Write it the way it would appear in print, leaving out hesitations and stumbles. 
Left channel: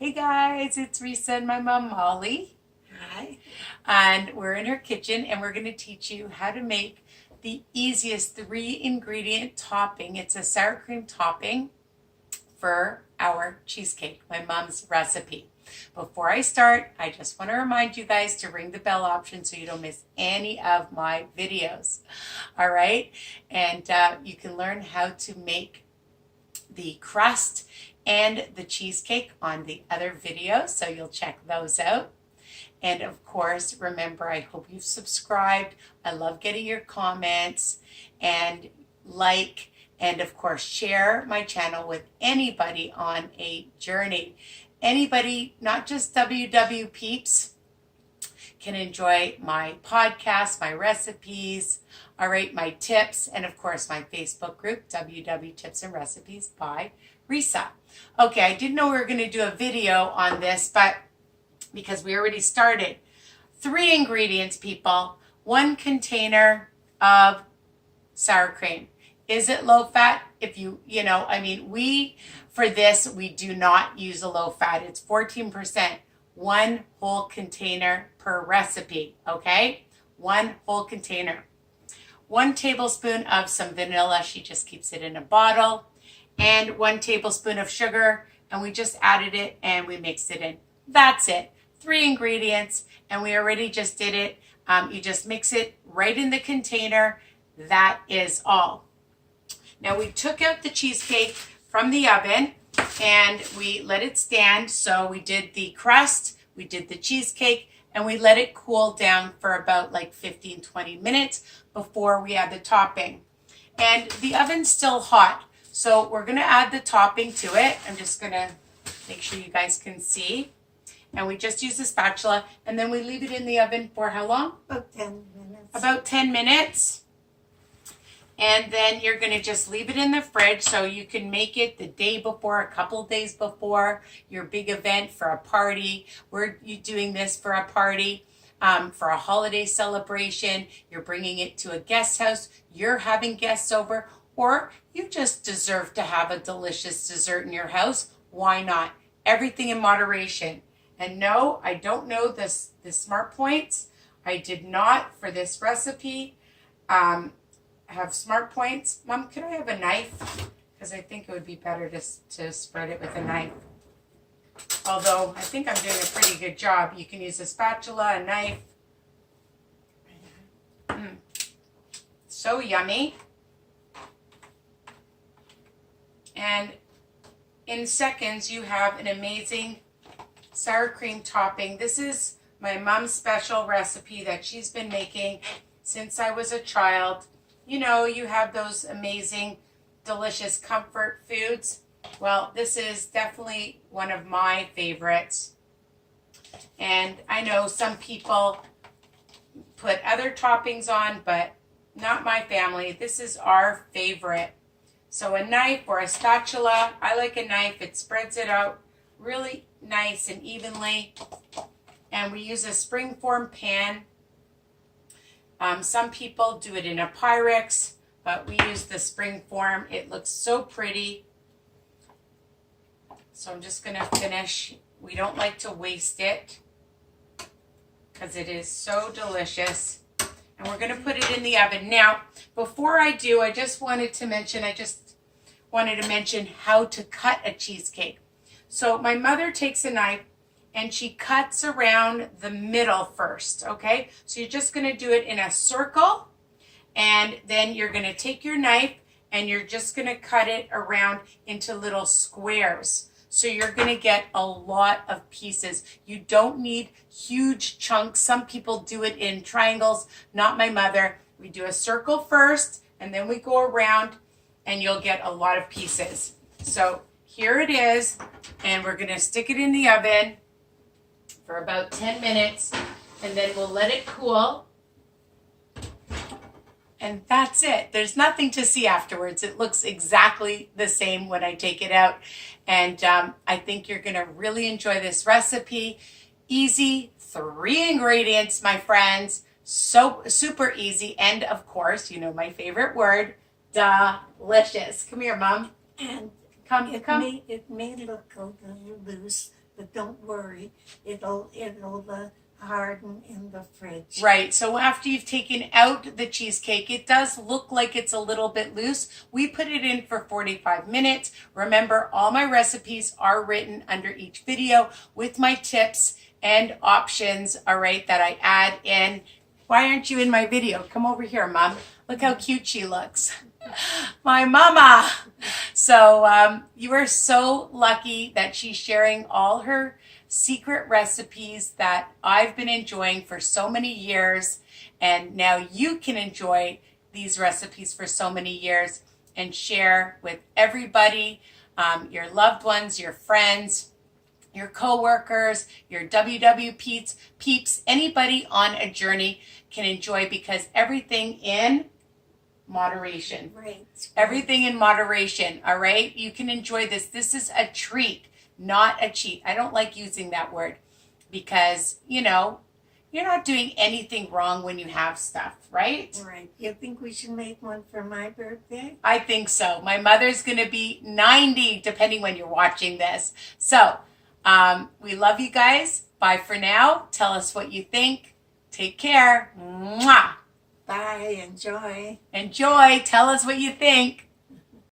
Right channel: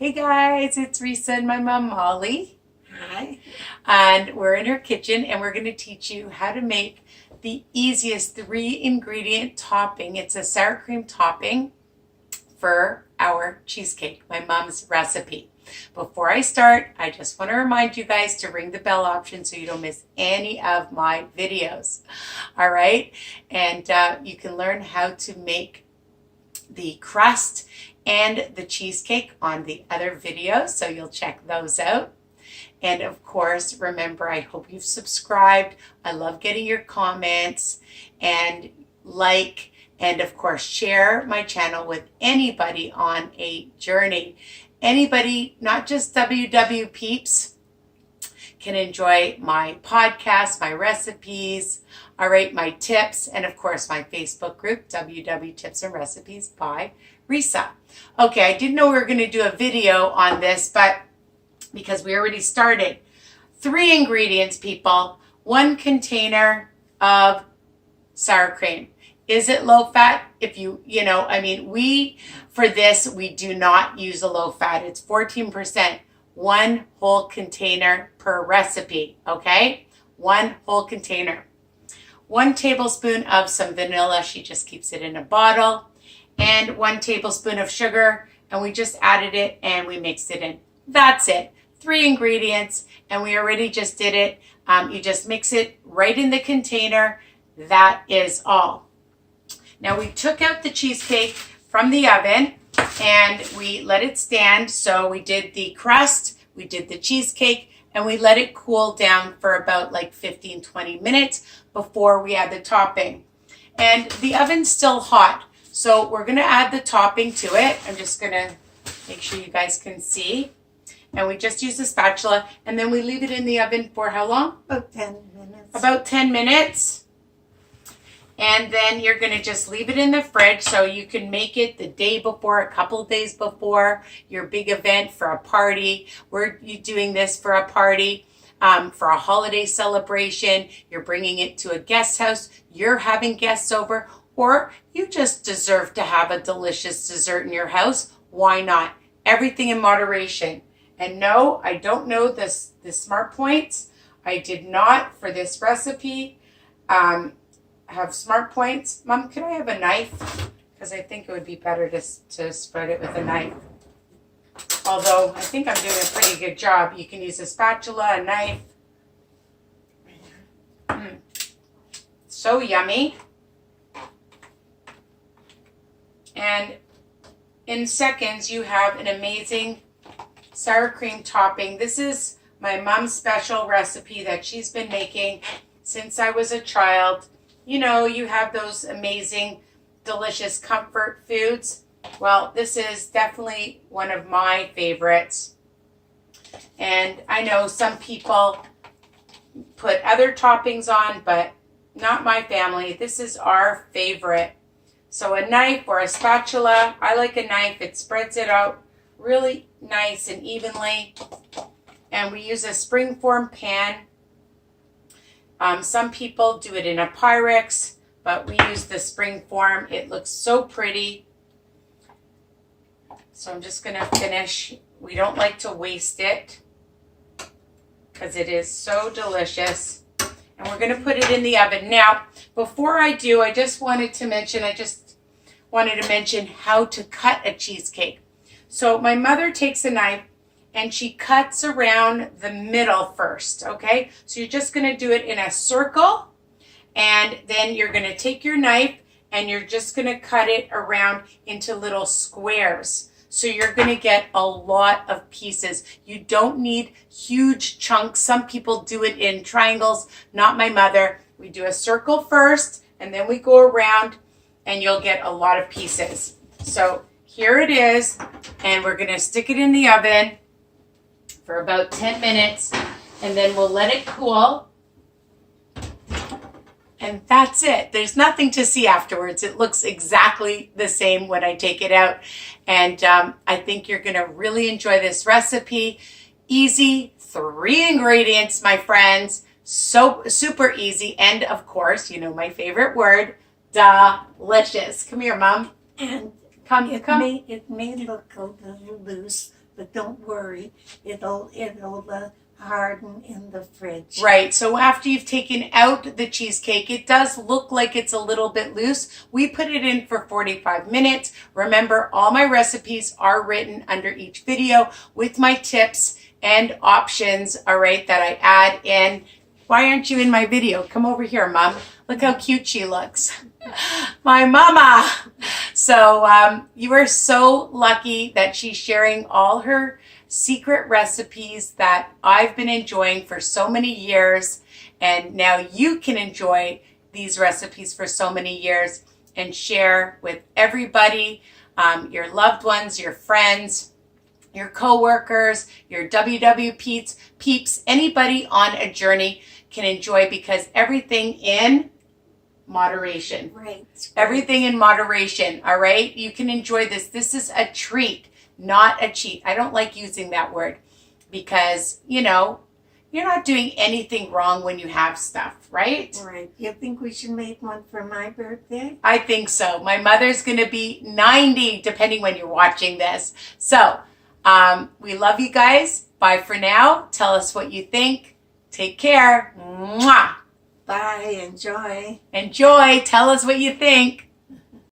Hey guys, it's Risa and my mom Molly. Hi. And we're in her kitchen and we're going to teach you how to make the easiest 3-ingredient topping. It's a sour cream topping for our cheesecake, my mom's recipe. Before I start, I just want to remind you guys to ring the bell option so you don't miss any of my videos. All right? And you can learn how to make the crust and the cheesecake on the other videos, so you'll check those out. And of course, remember, I hope you've subscribed. I love getting your comments and like, and of course, share my channel with anybody on a journey. Anybody, not just WW peeps, can enjoy my podcast, my recipes, all right, my tips, and of course my Facebook group, WW Tips and Recipes by Risa. Okay, I didn't know we were going to do a video on this, but because we already started. 3 ingredients, people. 1 container of sour cream. Is it low fat? If for this, we do not use a low fat. It's 14%. 1 whole container per recipe, okay? 1 whole container. 1 tablespoon of some vanilla. She just keeps it in a bottle. And 1 tablespoon of sugar. And we just added it and we mixed it in. That's it. 3 ingredients. And we already just did it. You just mix it right in the container. That is all. Now we took out the cheesecake from the oven and we let it stand. So we did the crust, we did the cheesecake, and we let it cool down for about like 15-20 minutes before we add the topping. And the oven's still hot, so we're gonna add the topping to it. I'm just gonna make sure you guys can see. And we just use a spatula, and then we leave it in the oven for how long? About 10 minutes. About 10 minutes. And then you're going to just leave it in the fridge so you can make it the day before, a couple of days before your big event for a party. We're doing this for a party, for a holiday celebration. You're bringing it to a guest house. You're having guests over, or you just deserve to have a delicious dessert in your house. Why not? Everything in moderation. And no, I don't know the smart points. I did not for this recipe. Have smart points. Mom, can I have a knife? Because I think it would be better to spread it with a knife. Although I think I'm doing a pretty good job. You can use a spatula, a knife. So yummy. And in seconds, you have an amazing sour cream topping. This is my mom's special recipe that she's been making since I was a child. You know, you have those amazing, delicious comfort foods. Well, this is definitely one of my favorites. And I know some people put other toppings on, but not my family. This is our favorite. So a knife or a spatula. I like a knife. It spreads it out really nice and evenly. And we use a springform pan. Some people do it in a Pyrex, but we use the springform. It looks so pretty. So I'm just going to finish. We don't like to waste it because it is so delicious. And we're going to put it in the oven. Now, before I do, I just wanted to mention how to cut a cheesecake. So my mother takes a knife and she cuts around the middle first, okay? So you're just gonna do it in a circle, and then you're gonna take your knife and you're just gonna cut it around into little squares. So you're gonna get a lot of pieces. You don't need huge chunks. Some people do it in triangles, not my mother. We do a circle first, and then we go around, and you'll get a lot of pieces. So here it is, and we're gonna stick it in the oven for about 10 minutes, and then we'll let it cool. And that's it. There's nothing to see afterwards. It looks exactly the same when I take it out. And I think you're gonna really enjoy this recipe. Easy, 3 ingredients, my friends. So super easy. And of course, you know my favorite word, delicious. Come here, Mom. And Come. it may look a little loose, but don't worry, it'll harden in the fridge. Right, so after you've taken out the cheesecake, it does look like it's a little bit loose. We put it in for 45 minutes. Remember, all my recipes are written under each video with my tips and options, all right, that I add in. Why aren't you in my video? Come over here, Mom. Look how cute she looks. My mama. So you are so lucky that she's sharing all her secret recipes that I've been enjoying for so many years, and now you can enjoy these recipes for so many years and share with everybody, your loved ones, your friends, your co-workers, your WW peeps, anybody on a journey can enjoy, because everything in moderation. Right. Everything in moderation, all right? You can enjoy this. This is a treat, not a cheat. I don't like using that word because, you know, you're not doing anything wrong when you have stuff, right? Right. You think we should make one for my birthday? I think so. My mother's going to be 90, depending when you're watching this. So, we love you guys. Bye for now. Tell us what you think. Take care. Mwah. Bye. Enjoy. Enjoy. Tell us what you think.